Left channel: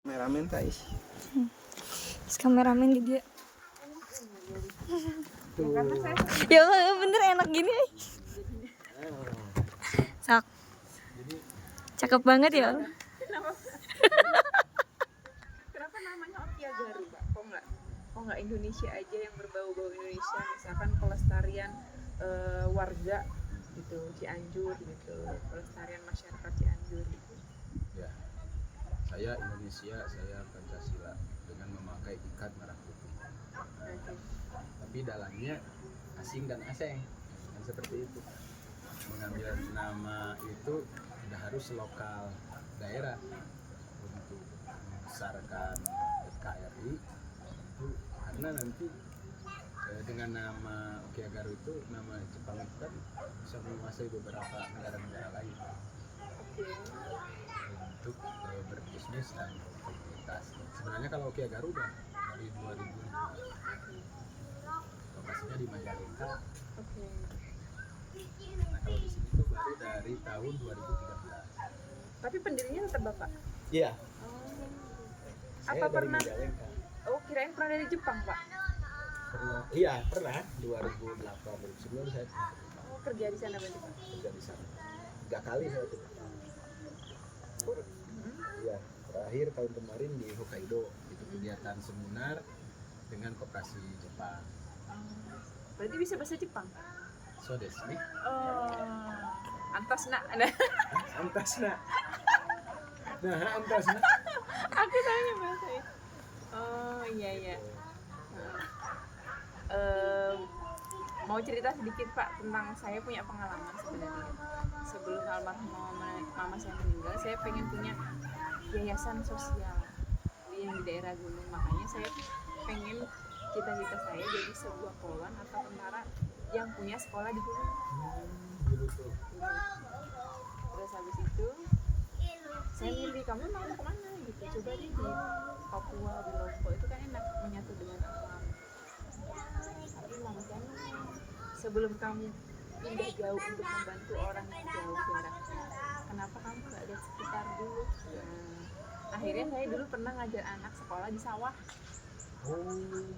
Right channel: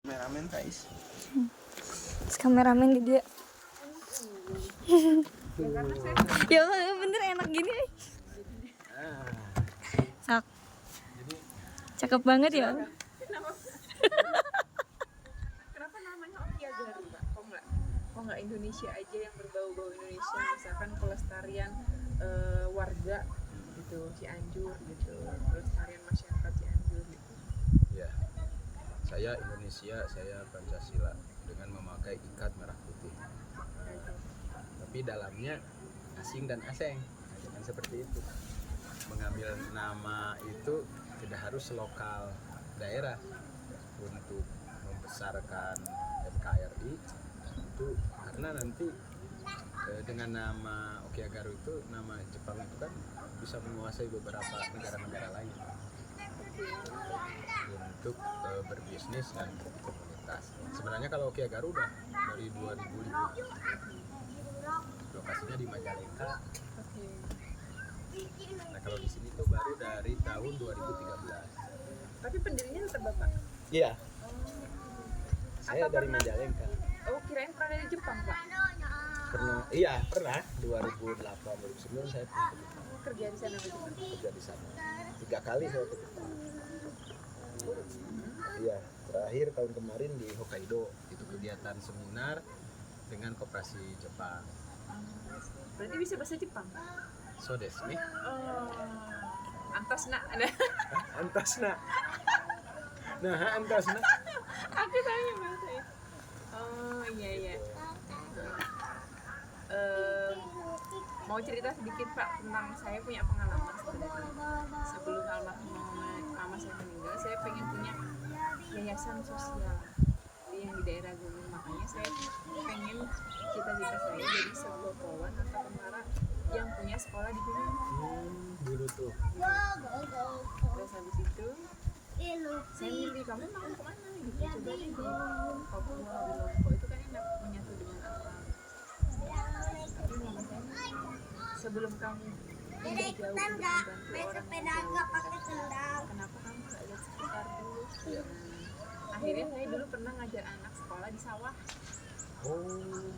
Kameramen guys. Kameramen dia. Ya Allah, bener enak gini. Sak. Cakep banget ya. Kenapa namanya Okia Garu, Pak? Kok nggak Indonesia aja yang berbau-bau Indonesia, misalkan pelestarian warga gitu, Cianjur gitu, pelestarian masyarakat Cianjur gitu. Ya, saya Indonesia, saya Pancasila dengan memakai ikat merah putih. Tapi dalamnya asing dan asing, jangan seperti itu. Mengambil nama itu tidak harus lokal daerah untuk membesarkan NKRI itu, karena nanti dengan nama Okia Garu itu, nama Jepang itu kan bisa menguasai beberapa negara-negara lain untuk berbisnis dan komunitas. Sebenarnya kalau Okia Garu udah dari 2005, lokasinya di Majalengka. Nah kalau di sini tuh baru dari tahun 2013. Tapi pendirinya tetap Bapak? Iya. Apa Saya dari pernah? Majalengka. Oh, kirain pernah dari Jepang, Pak? Pernah 2008 2009 saya pernah ke Jepang. Oh, kerja di sana berarti, Pak? Kerja di sana 3 kali saya ke Jepang. Iya, terakhir tahun kemarin di Hokkaido, itu kegiatan seminar dengan koperasi Jepang. Berarti bisa bahasa Jepang? So desu ne. Oh, antas nak ada. Antas na. Nah, antas na. Aku tanya bahasa itu. Oh, iya. Mau cerita sedikit Pak tentang saya punya pengalaman sebenarnya. Sebelum almarhum mama saya meninggal, saya pengen punya yayasan sosial yang di daerah gunung. Makanya saya pengen, cita-cita saya jadi sebuah polwan atau tentara yang punya sekolah di gunung. Dulu tuh. Terus habis itu saya milih, kamu mau kemana gitu, coba deh di Papua, di Lombok, itu kan enak, menyatu dengan alam. Tapi mama saya ngomong, sebelum kamu pindah jauh untuk membantu orang yang jauh jaraknya, kenapa kamu gak lihat sekitar dulu? Akhirnya saya dulu pernah ngajar anak sekolah di sawah.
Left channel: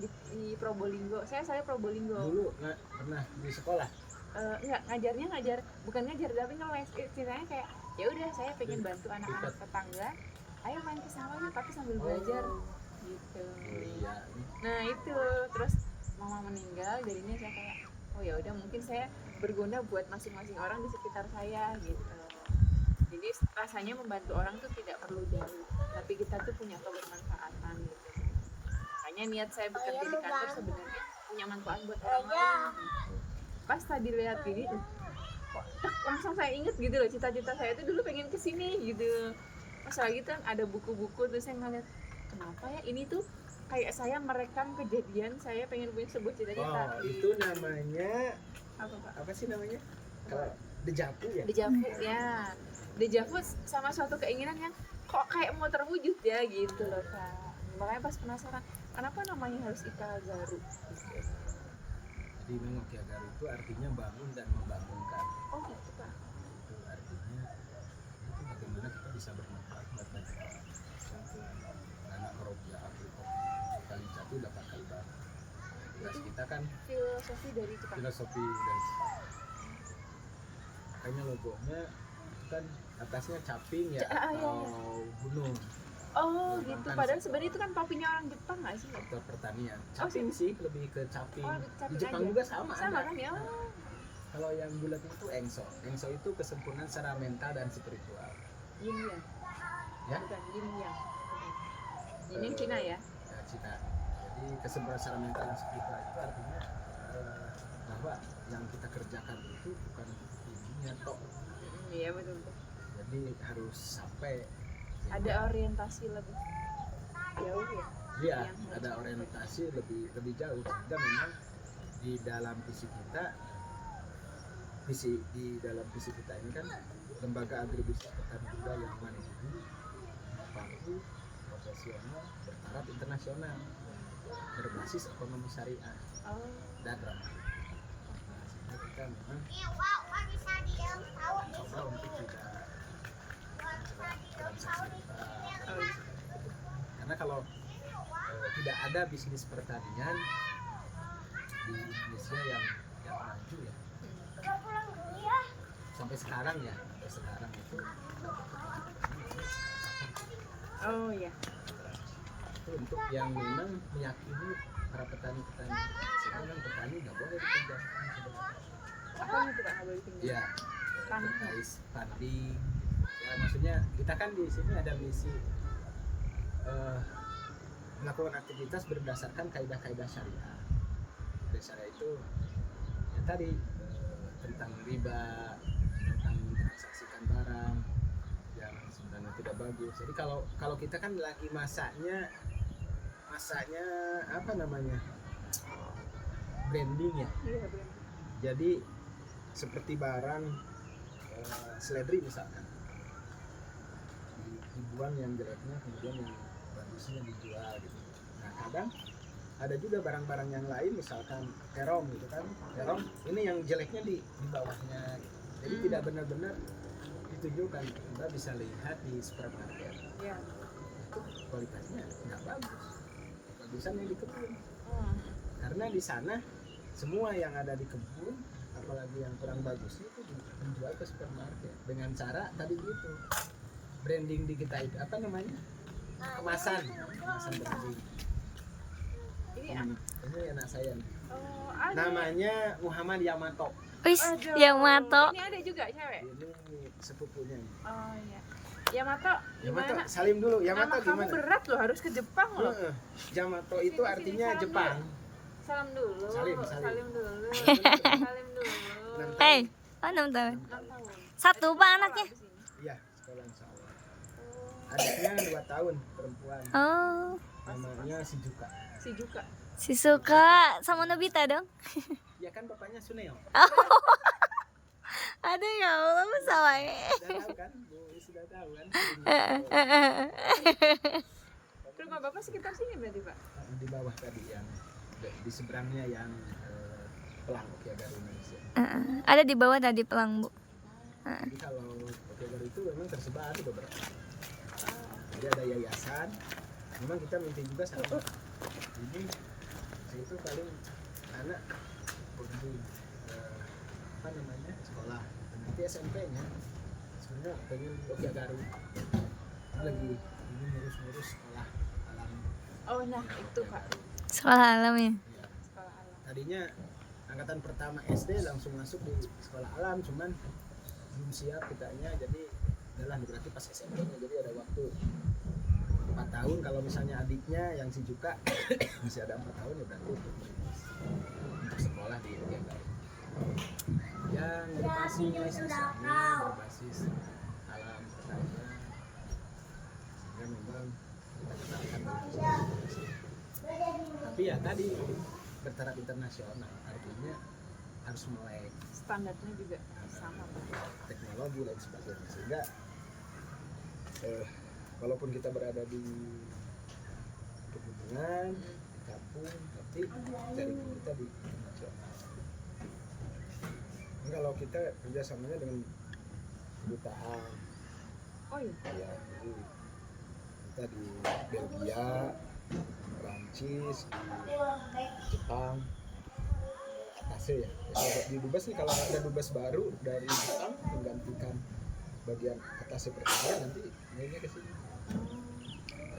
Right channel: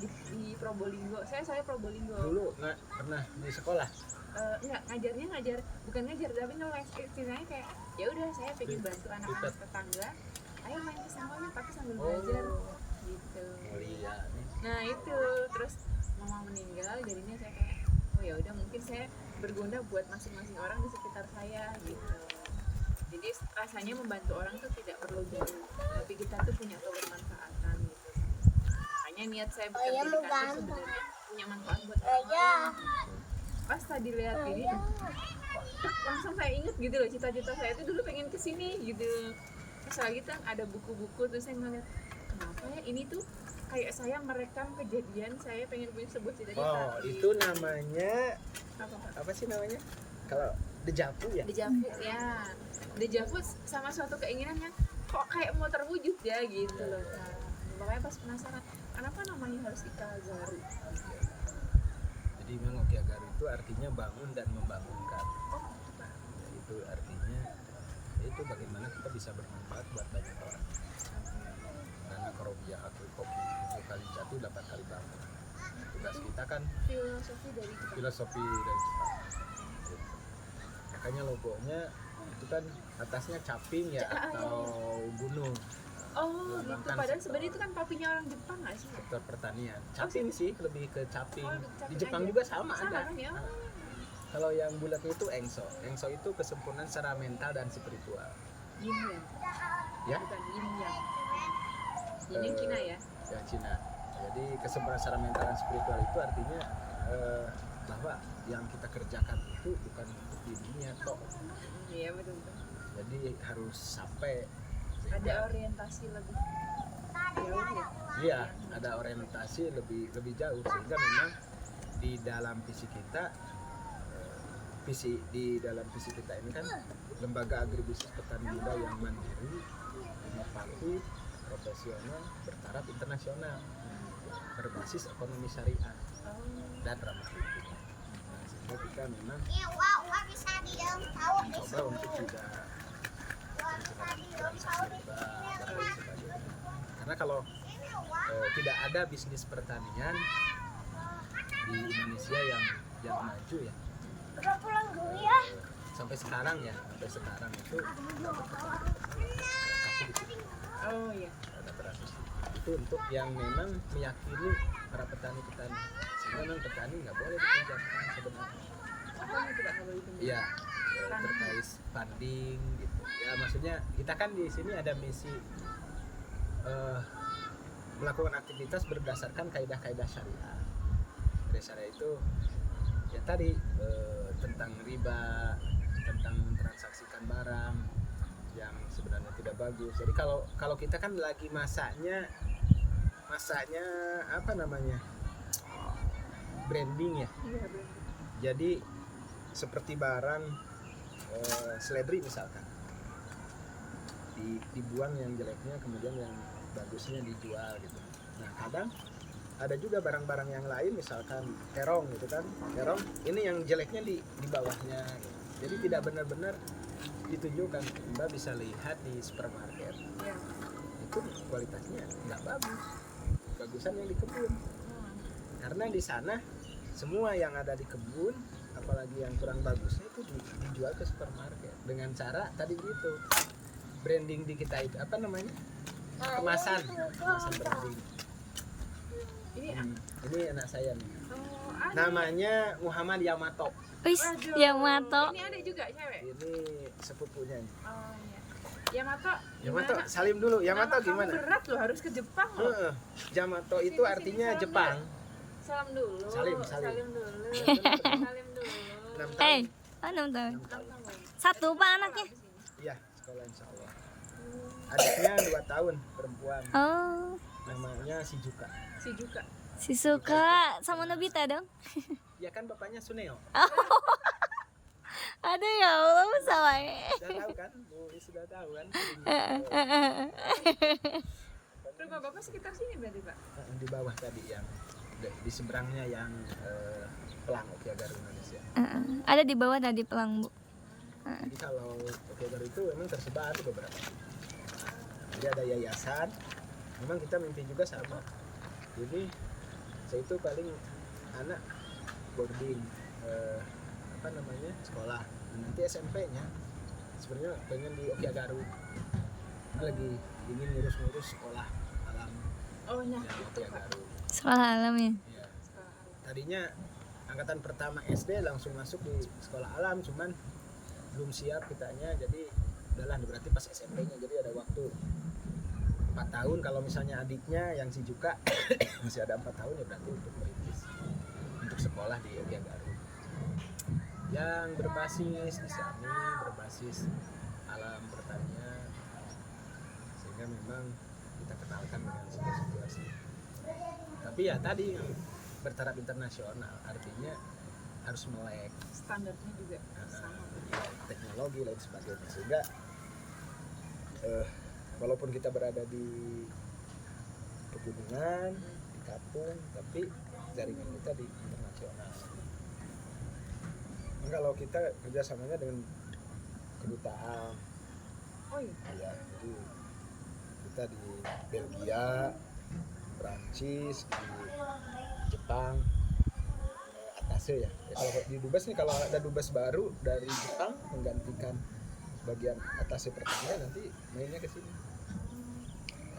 Di Probolinggo. Saya Probolinggo. Dulu nggak pernah di sekolah. Enggak, ngajar bukan ngajar tapi ngeles. Istilahnya kayak ya udah, saya pengen bantu anak-anak tetangga, ayo main ke sawah yuk, tapi sambil belajar gitu. Mulia nih. Nah itu, terus mama meninggal, jadinya saya kayak oh ya udah, mungkin saya berguna buat masing-masing orang di sekitar saya gitu. Jadi rasanya membantu orang tuh tidak perlu jauh, tapi kita tuh punya kebermanfaatan gitu kan. Makanya niat saya bekerja di kantor sebenarnya punya manfaat buat orang lain gitu. Pas tadi lihat ini kok langsung saya inget gitu loh, cita-cita saya itu dulu pengen kesini gitu. Pas lagi kan ada buku-buku, terus saya ngeliat kenapa ya ini tuh kayak saya merekam kejadian saya pengen punya sebuah cita-cita. Oh, itu namanya apa Pak? apa sih namanya? Kalau dejavu ya? Dejavu ya. Dejavu sama suatu keinginan yang kok kayak mau terwujud ya gitu loh Kak. Makanya pas penasaran, kenapa namanya harus Ika Garu? Jadi memang Okia Garu itu artinya bangun dan membangunkan. Oh gitu Pak. Ya, itu artinya itu bagaimana kita bisa bermanfaat buat banyak orang. Karena korobia akil kopi 7 kali jatuh 8 kali bangun. Tugas kita kan Filosofi dari Jepang. filosofi dari Jepang. Gitu. Makanya logonya itu kan atasnya caping ya, atau gunung. Oh gitu. Melambangkan Padahal sektor- sebenarnya itu kan topinya orang Jepang nggak sih? sektor pertanian. Caping sih lebih ke caping. Oh, Di caping Jepang aja. juga sama Sama ada. kan ya? Nah, kalau yang bulatnya itu engso. Engso itu kesempurnaan secara mental dan spiritual. Yin Yang. Ya? Bukan Yin Yang. Yin Yang Cina ya? Ya, Cina. Jadi kesempurnaan secara mental dan spiritual itu artinya bahwa yang kita kerjakan itu bukan untuk dirinya tok. Iya betul. Jadi harus sampai Ada orientasi lebih jauh ya? Iya, ada orientasi lebih jauh, sehingga memang di dalam visi kita visi kita ini kan lembaga agribisnis petani muda yang mandiri, inovatif, profesional, bertaraf internasional, berbasis ekonomi syariah dan ramah lingkungan. Nah, sehingga kita memang mencoba untuk tidak bergerak transaksi riba dan lain sebagainya. kalau tidak ada bisnis pertanian di Indonesia yang maju ya. Sampai sekarang itu udah berkembang transaksi di situ. Oh iya. Ada transaksi. Itu untuk yang memang meyakini para petani-petani. Sehingga memang petani nggak boleh dipinjamkan sebenarnya. Apanya tidak nggak boleh pinjam? Iya, Tanah. terkait funding gitu. Ya maksudnya kita kan di sini ada misi melakukan aktivitas berdasarkan kaidah-kaidah syariah. Kaidah syariah itu ya tadi tentang riba, tentang mentransaksikan barang yang sebenarnya tidak bagus. Jadi kalau kita kan lagi masaknya apa namanya, branding ya. Iya benar. Jadi seperti barang seledri misalkan, dibuang yang jeleknya, kemudian yang bagusnya dijual gitu. Nah kadang ada juga barang-barang yang lain, misalkan terong gitu kan, terong ini yang jeleknya di bawahnya gitu. Jadi tidak benar-benar ditunjukkan. Mbak bisa lihat di supermarket Iya. itu kualitasnya nggak bagus, bagusan yang di kebun. Oh. Karena di sana semua yang ada di kebun, apalagi yang kurang bagusnya itu dijual ke supermarket dengan cara tadi gitu, branding di kita itu apa namanya, kemasan branding. Ini anak saya nih, Oh, ada. namanya Muhammad Yamato. Wis, Aduh, Yamato. Ini ada juga cewek. Ini sepupunya nih. Oh iya. Yamato. Yamato, gimana? salim dulu. Yamato Nama gimana? kamu berat loh, harus ke Jepang loh. Yamato Sini, itu sini, artinya salam Jepang. Salam dulu. Salim. Salim dulu. Salim dulu. 6 tahun. Eh, oh 6 tahun. 6 tahun. 6 tahun. Satu pak Sekolah anaknya. abis ini. Iya, sekolah insya Allah. Oh, Adiknya 2 tahun, perempuan. Oh, Namanya Shizuka. si Juka. si suka sama Nobita dong. Ya kan bapaknya Suneo. Aduh ya Allah, salah. Sudah tahu kan? Bu, sudah tahu kan? Rumah Bapak sekitar sini berarti, Pak? Di bawah tadi yang di seberangnya yang Pelang Okiagaru Indonesia. Ada di bawah tadi pelang, Bu. Jadi kalau Okiagaru itu memang tersebar di beberapa titik. Jadi ada yayasan. Memang kita mimpi juga sama. Jadi saya itu paling anak boarding apa namanya, sekolah. Nah, nanti SMP-nya sebenarnya pengen di Okiagaru. Lagi ingin ngurus-ngurus sekolah alam Oh, nah yang itu, Pak. Okiagaru. Sekolah alam ya. Ya. Sekolah alam. Tadinya angkatan pertama SD langsung masuk di sekolah alam, cuman belum siap kitanya, jadi udahlah berarti pas SMP-nya, jadi ada waktu 4 tahun. Kalau misalnya adiknya yang si Juka masih ada 4 tahun, ya berarti untuk merintis untuk sekolah di Okiagaru yang berbasis Islami, berbasis alam pertanian, sehingga memang kita kenalkan dengan situasi. Tapi ya tadi yang bertaraf internasional, artinya harus melek Standarnya juga sama, Pak. teknologi lain sebagainya, sehingga walaupun kita berada di pegunungan, di kampung, tapi jaringan kita di internasional. Nah, kalau kita kerjasamanya dengan kedutaan, Oh iya. ya, jadi kita di Belgia, Prancis, di Jepang, atasnya ya. Kalau di Dubes nih, kalau ada Dubes baru dari Jepang menggantikan bagian atasnya pertanian, nanti mainnya ke sini.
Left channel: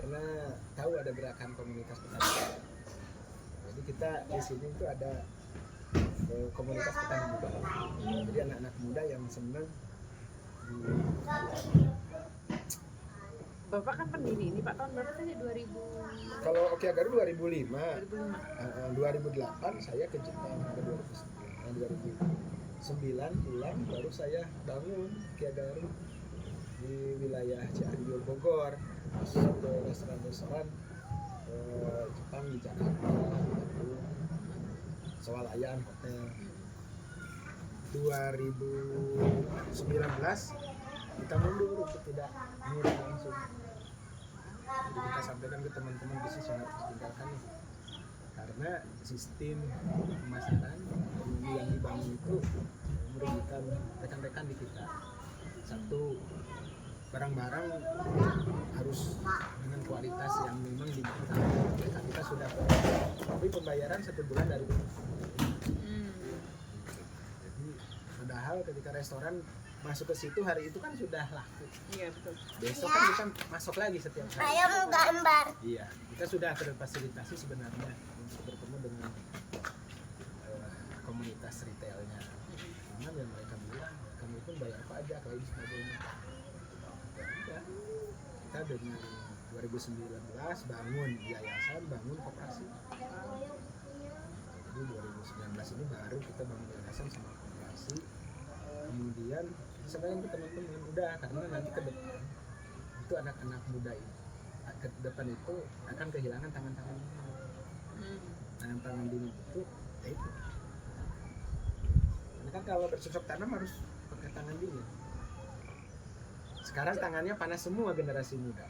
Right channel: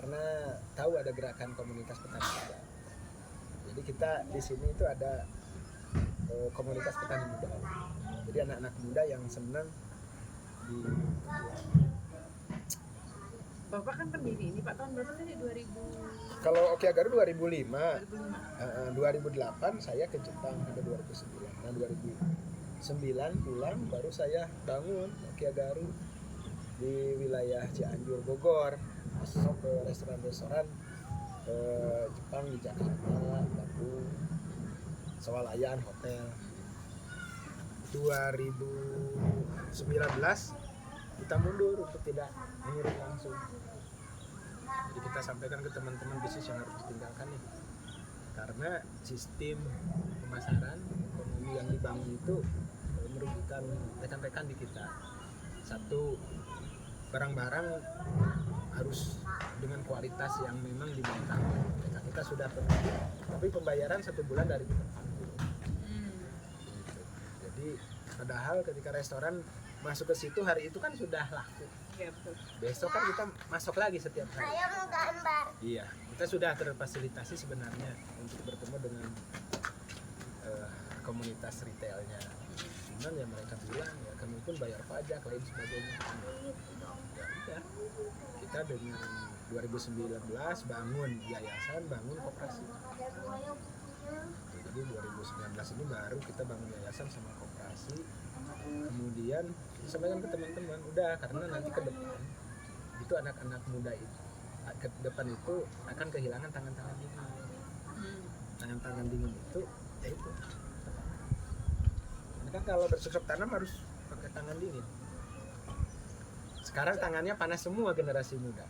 Karena tahu ada gerakan komunitas petani muda. Jadi kita di sini itu ada komunitas petani muda. Jadi anak-anak muda yang senang di Bapak kan pendiri ini, Pak. Tahun berapa tadi? 2005. kalau Okiagaru 2005, 2005. 2008 saya ke Jepang sampai 2009. Nah 2009 pulang, baru saya bangun Okiagaru di wilayah Cianjur, Bogor. Masuk ke restoran-restoran Jepang di Jakarta, Bandung, Sewalayan, hotel. 2019 kita mundur untuk tidak mengirim langsung. Jadi kita sampaikan ke teman-teman bisnis yang harus ditinggalkan nih, karena sistem pemasaran ekonomi yang dibangun itu merugikan rekan-rekan di kita. Satu, barang-barang harus dengan kualitas yang memang diminta. Kita sudah penuh, tapi pembayaran 1 bulan dari tempat. Gitu. Jadi padahal ketika restoran masuk ke situ hari itu kan sudah laku. Iya betul. Besok kan kita masuk lagi setiap hari. Saya mau gambar. Iya, kita sudah terfasilitasi sebenarnya untuk bertemu dengan komunitas retailnya. Cuman ya mereka bilang ya kami pun bayar pajak lain sebagainya. Ya udah, kita dengan 2019 bangun yayasan, bangun koperasi. Jadi 2019 ini baru kita bangun yayasan sama koperasi. Kemudian kita sampaikan ke teman-teman, udah karena nanti ke depan itu anak-anak muda itu ke depan itu akan kehilangan tangan-tangan dingin. Tangan-tangan dingin itu ya itu petani. Karena kan kalau bercocok tanam harus pakai tangan dingin. Sekarang tangannya panas semua generasi muda.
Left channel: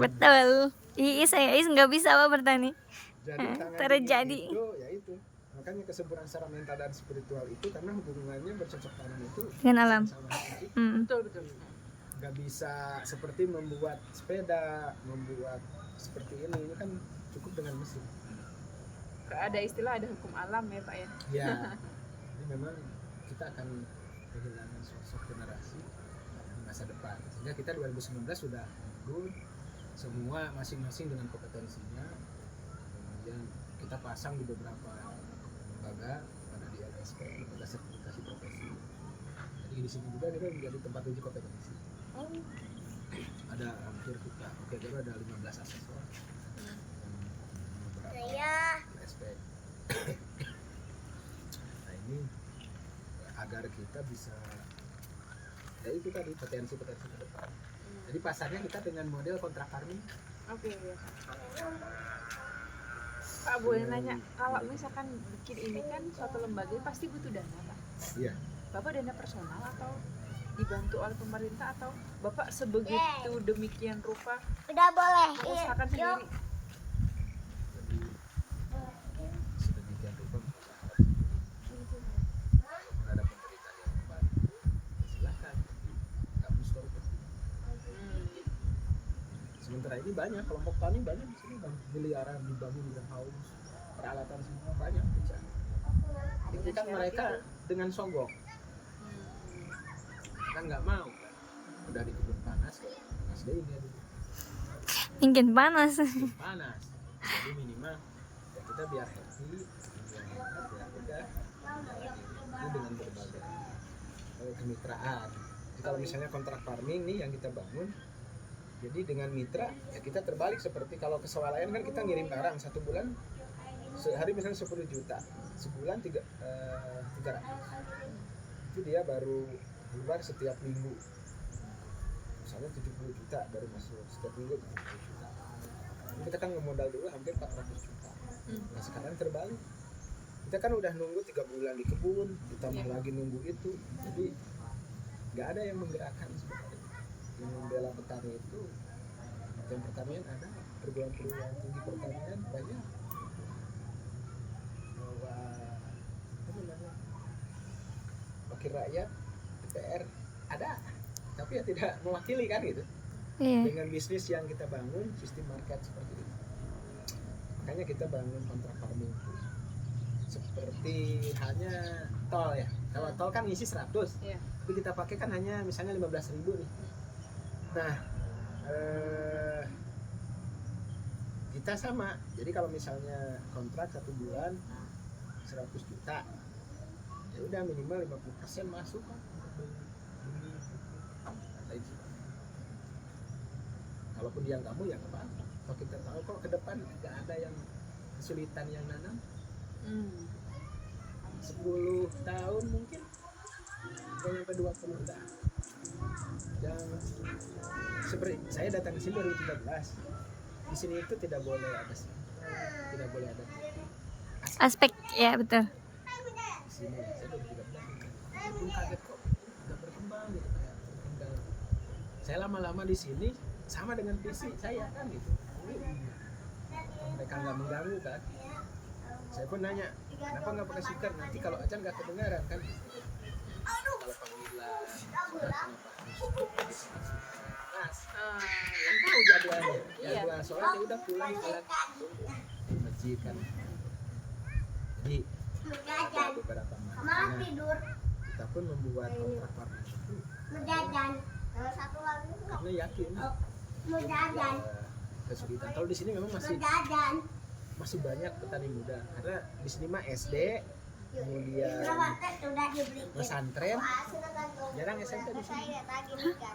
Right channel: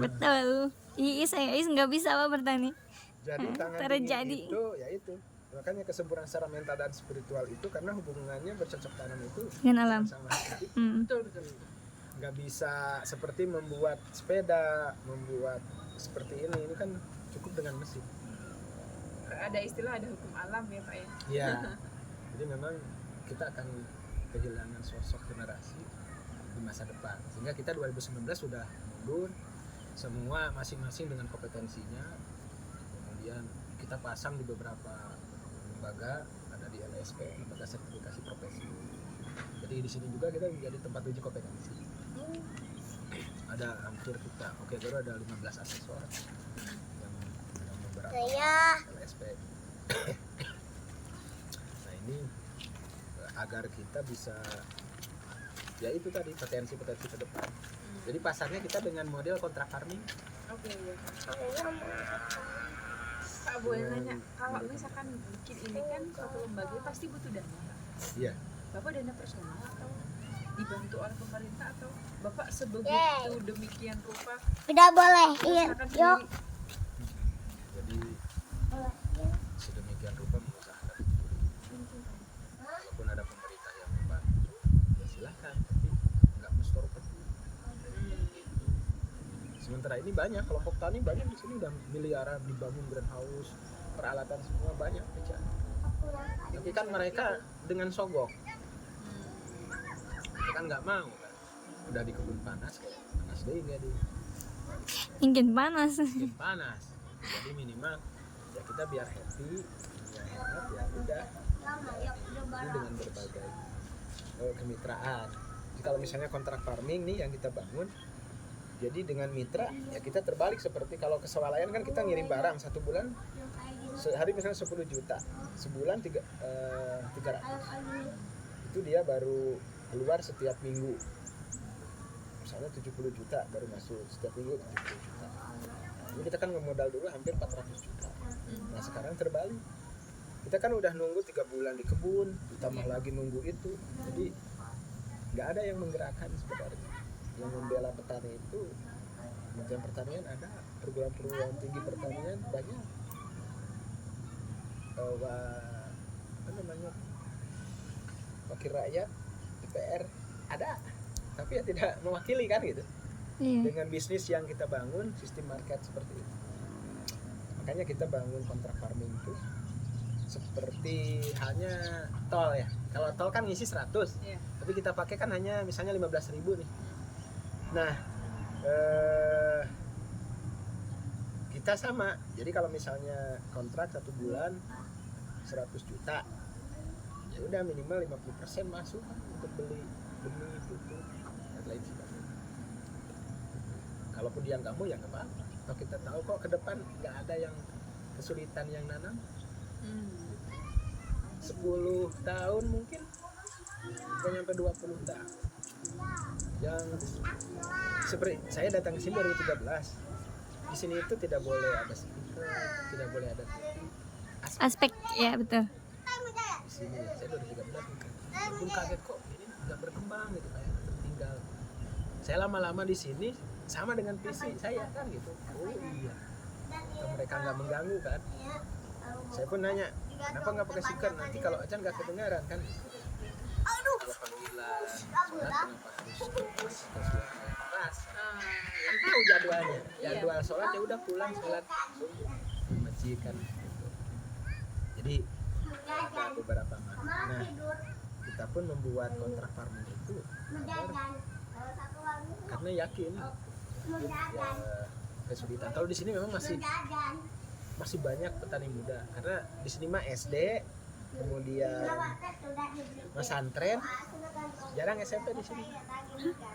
Betul. Iis nggak bisa apa bertani. Jadi tangan terjadi. dingin itu ya itu. Makanya kesempurnaan secara mental dan spiritual itu karena hubungannya bercocok tanam itu Dengan alam. sama hati. Betul betul. Nggak bisa seperti membuat sepeda, membuat seperti ini kan cukup dengan mesin. Ada istilah ada hukum alam ya Pak ya. Ya, jadi memang kita akan kehilangan sosok generasi di masa depan. Sehingga kita 2019 sudah mundur, semua masing-masing dengan kompetensinya. Kemudian kita pasang di beberapa lembaga, ada di LSP, lembaga sertifikasi profesi. Jadi di sini juga kita menjadi tempat uji kompetensi. Ada hampir kita, baru ada 15 asesor yang beberapa LSP. Nah ini agar kita bisa ya itu tadi potensi-potensi ke depan. Jadi pasarnya kita dengan model kontrak farming. Oke ya. Pak boleh Dengan- nanya, kalau misalkan bikin ini kan suatu lembaga pasti butuh dana Pak. Iya. Bapak dana personal atau dibantu oleh pemerintah atau Bapak sebegitu demikian rupa Udah boleh. Iya. mengusahakan Yuk. sendiri? Jadi sedemikian rupa mengusahakan sendiri. Walaupun ada pemerintah yang membantu, ya silahkan, tapi nggak mesti korupsi. Sementara ini banyak kelompok tani banyak di sini udah miliaran dibangun greenhouse, peralatan semua banyak kerjaan. Tapi kan mereka dengan sogok, kita kan nggak mau kan. Udah di kebun panas kayak panas deh ini aduh. Mungkin panas. Bikin panas. Jadi minimal ya kita biar happy, biar hemat ya udah jalanin itu dengan berbagai kemitraan. Jadi kalau misalnya kontrak farming nih yang kita bangun, jadi dengan mitra ya kita terbalik seperti kalau ke swalayan kan kita ngirim barang 1 bulan sehari misalnya 10 juta, sebulan 300. Itu dia baru keluar setiap minggu. Misalnya 70 juta baru masuk setiap minggu 70 juta. Ini kita kan ngemodal dulu hampir 400 juta. Nah sekarang terbalik. Kita kan udah nunggu 3 bulan di kebun, ditambah lagi nunggu itu. Jadi nggak ada yang menggerakkan sebenarnya. Yang membela petani itu Kementerian Pertanian ada, perguruan tinggi pertanian banyak. Apa namanya? Wakil rakyat DPR ada. Tapi ya tidak mewakili kan gitu. Iya. Dengan bisnis yang kita bangun sistem market seperti itu, makanya kita bangun kontrak farming itu seperti hanya tol ya. Kalau tol kan ngisi 100, Iya. tapi kita pakai kan hanya misalnya 15.000 nih. Nah kita sama, jadi kalau misalnya kontrak 1 bulan 100 juta ya udah minimal 50% masuk kan untuk beli benih, pupuk dan lain sebagainya. Kalaupun dia nggak mau ya nggak apa-apa. Kalau kita tahu kok ke depan nggak ada yang kesulitan yang nanam, 10 tahun mungkin nggak nyampe 20 tahun. Yang seperti saya datang ke sini 2013, di sini itu tidak boleh ada speaker, tidak boleh ada TV. Aspek ya betul. Di sini ya, saya 2013 gitu. Saya pun kaget kok ini nggak berkembang gitu, kayak tertinggal. Saya lama-lama di sini sama dengan visi saya kan gitu. Oh iya, kalau mereka nggak mengganggu kan. Saya pun nanya, kenapa nggak pakai speaker? Nanti kalau acan nggak kedengaran kan gitu. Kalau panggilan sholat kenapa harus pakai suara yang kelas. Ah, Kan tahu jadwalnya. Iya. Jadwal sholat ya udah pulang sholat di masjid kan. Gitu. Jadi ada beberapa makna. Kita pun membuat kontrak farming itu agar, karena yakin ya, kesulitan. Kalau di sini memang masih banyak petani muda karena di sini mah SD, kemudian pesantren, jarang SMP di sini.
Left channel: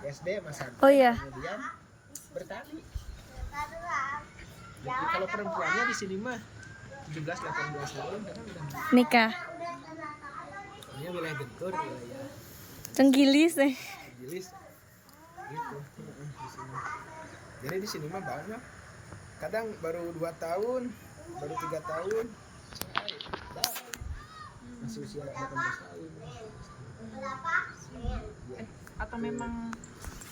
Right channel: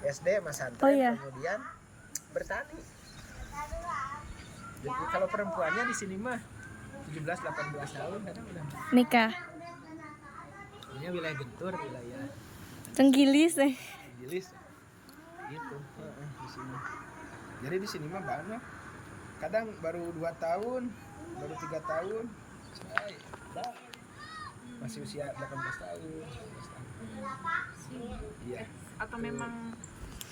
SD, pesantren, Oh iya. kemudian bertani. Jadi kalau perempuannya di sini mah 17-18 tahun kadang udah Nikah. punya wilayah Gentur, wilayah Cenggilis deh. Gilis gitu. Di sini. Jadi di sini mah banyak. Kadang baru 2 tahun, baru 3 tahun. Masih usia 18 tahun. 19 tahun. Iya. atau memang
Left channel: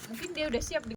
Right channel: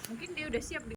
mungkin dia udah siap